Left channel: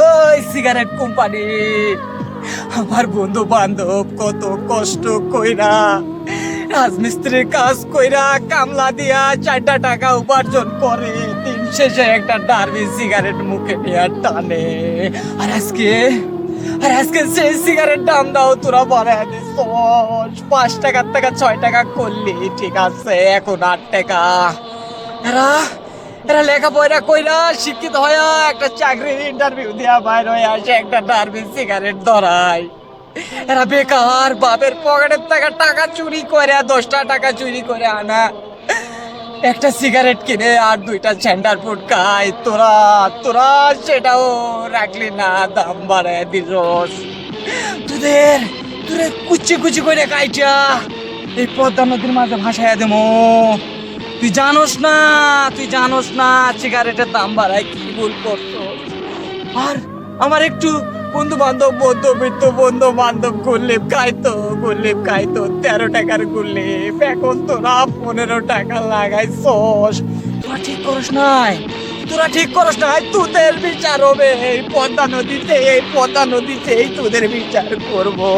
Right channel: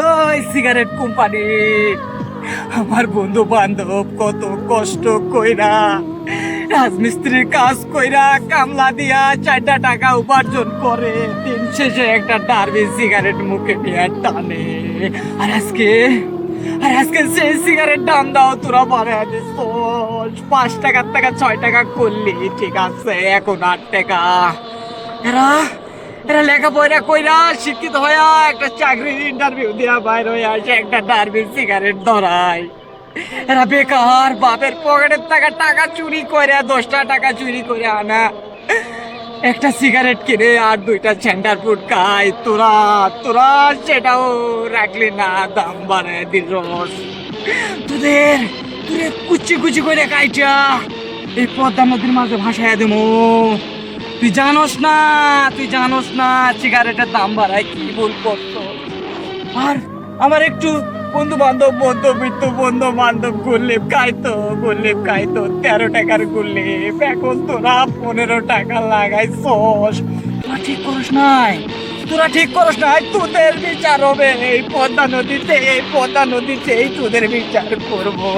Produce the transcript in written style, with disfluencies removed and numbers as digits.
ওই cigarette company, আমার বন্ধু বান্ধব কত কষ্ট কইরা রাজমিস্ত্রির কাজ কইরা কামলা দিয়া 4টা টাকা উপার্জন করে দিন শেষে একটা ডার্বি সিগারেট মুখে নিয়ে টানে। আর আজকে সেই সিগারেট দাম দাও তোরা বাড়ায় দিস। 5 টাকার টাকা 6 টাকা করলি ঠিক আছে, এখন 8 টাকা। এরা এরা লেখাপড়া কইরা শিক্ষিত হইয়া একটা চাকরির ইন্টারভিউ দিয়া বাইর হয়ে আসে একটা ডার্বি সিগারেট ধরায়। এরা বেকার বাপের পকেটের টাকা টাকা চুরি করে 10টা টাকা চুরি করে আনা একটা সিগারেট কিনে আর 2টা সেন্টার ফুড খায়। তোরা তোরা সেটাও রাখলি না, দাম বাড়ায় দিল। তোদের তোদের কুচি কুচি করে কাইটা এই পদ্মা নদীর মাঝে ভাসাইয়া দেবো। তুই জানোস না সিগারেটের দাম বাড়ায় কি ভুল করতো। আর আমার একটু বন্ধু বান্ধব গুল্লিপ খাইতো 13 টাকার গুল্লিপ, এখন তোরা 15 টাকা লাগাইছস। তোরা ঠিক করস নাই তোদের বিচার হবে এই পদ্মা নদীতেই তোদের বিচার করবো।